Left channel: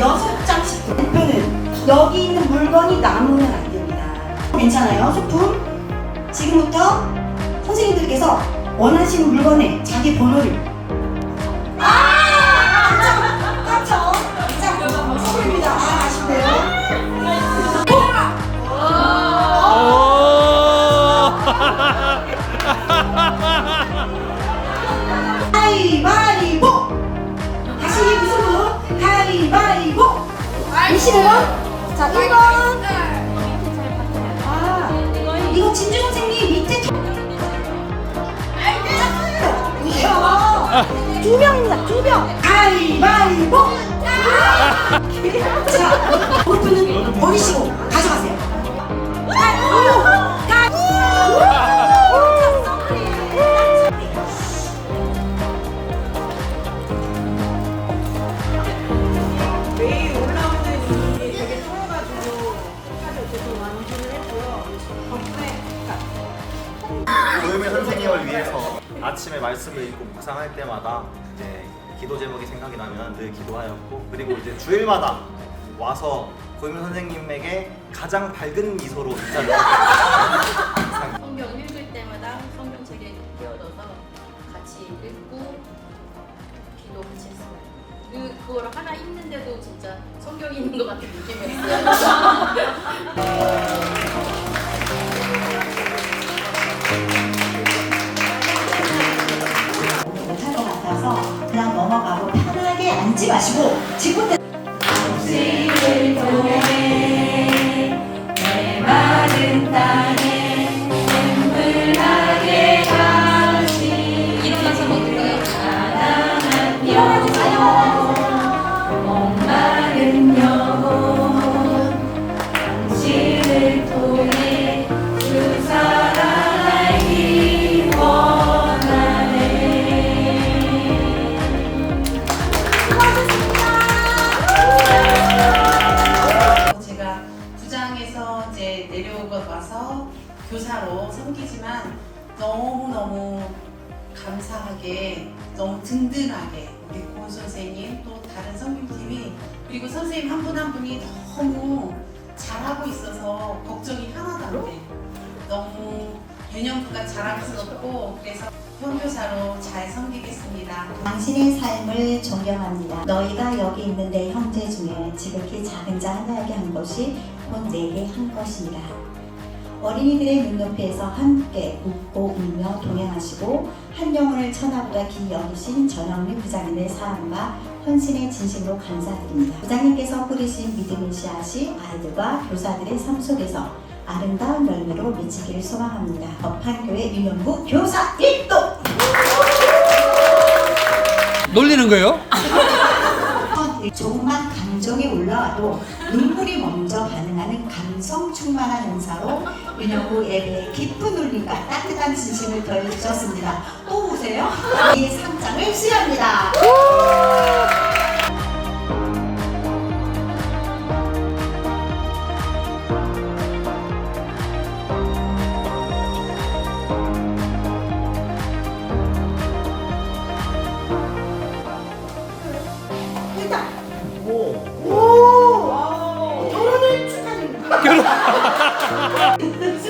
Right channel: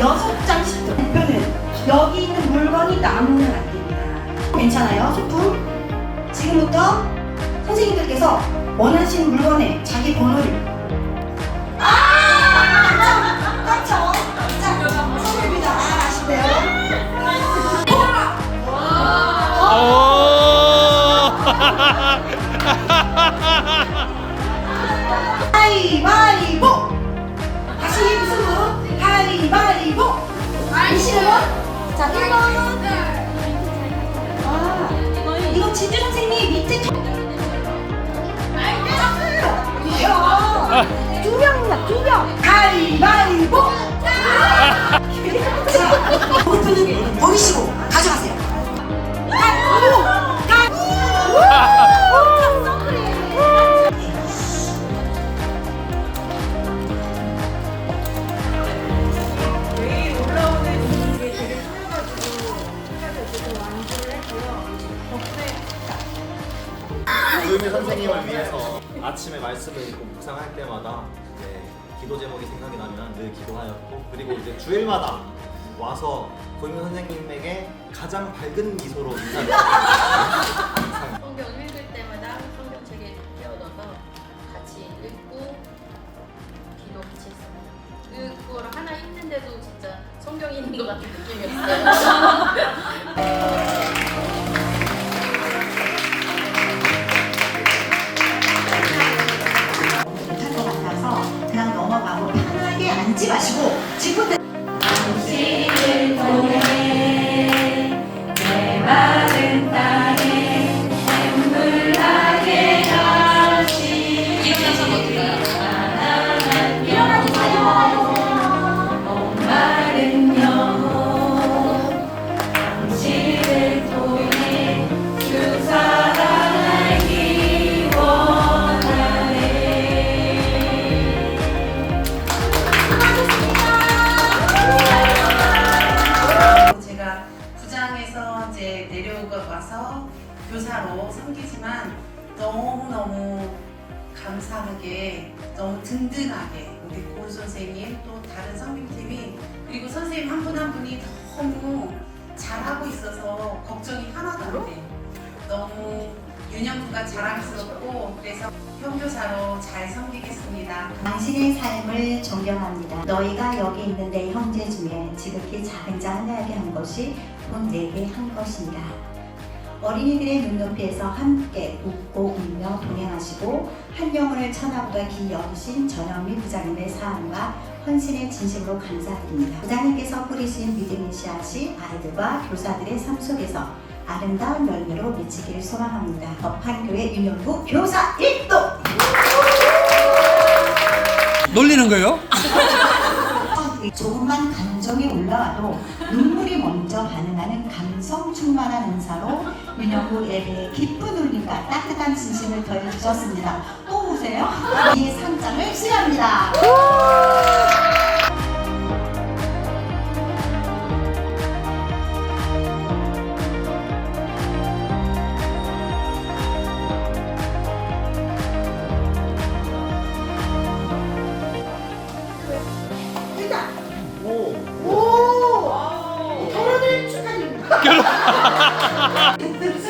여섯 장씩 목표는 여기 있는 물건이 남으면 안 됩니다. 괜찮아요, 소품? 지금부터 선생님들께서 원하시는 물건에 자기 번호를 아! 깜짝! 깜짝! 자, 선물입니다. 아, 아쉽네요. 가위바 가위바위보! 25번? 자, 1번. 아, 이거 진주 선생님 밑에 터... 이야! 두 명이다, 두 명! 가위바위보! 어쨌든 완주를 했고요. 덕분에 도유미 선생님을 위해서 아침에 말씀을 읽고 묵상할 때마다 이제 기도 제목이 생각이 나면 늘 기도하였고 그리고 이제 주일마다 와서 고유미 선생님에게 가장 밝은 미소로 인사를 드립니다. 성경 읽을 때마다 성경책에 띄워넣어서 같이 읽고 기도 같이 했습니다. 그, 그거를 하나 읽는데도 진짜 성경이 있는 것 같은 느낌이었어요. 그냥 넘어가고 편하게 앉지 마시고 지금부 교사로 섬기지만 너무너무 감사하게 너무 든든하게 우리 고은 선생님 또 다른 선생님팀이 그리고 선생님 한분한 분이 너무 잘하고 있어서 걱정이 하나도 안 돼. 너무 윤영구가 자랑스럽고 그래서 현교사로 잘 섬기겠습니다. 당신의 삶을 존경합니다. 너희가 여기 있는 내 형제 중에 지극히 작은 자 하나에게 한 것이 곧 내게 한 것이니라. 어린이들의 눈높이에서 함께 웃고 울며 동행하시고 한 영혼을 천하보다 여기신 전영미 부장님의 사랑과 헌신의 진심으로 감사드립니다. 부장님께서 뿌리신 믿음의 씨앗이 아이들과 교사들의 삶 속에서 아름다운 열매로 미치기를 소망합니다. 법한교회 윤영부 교사 1도! 놀리는 거예요? 조금만 감정이 올라와도 눈물이 먼저 반응하는 감성 충만한 은사로 윤영구 예배의 깊은 울림과 따뜻한 진심을 더해주셨습니다. 또 오세요. 이 상장을 수여합니다. 결혼.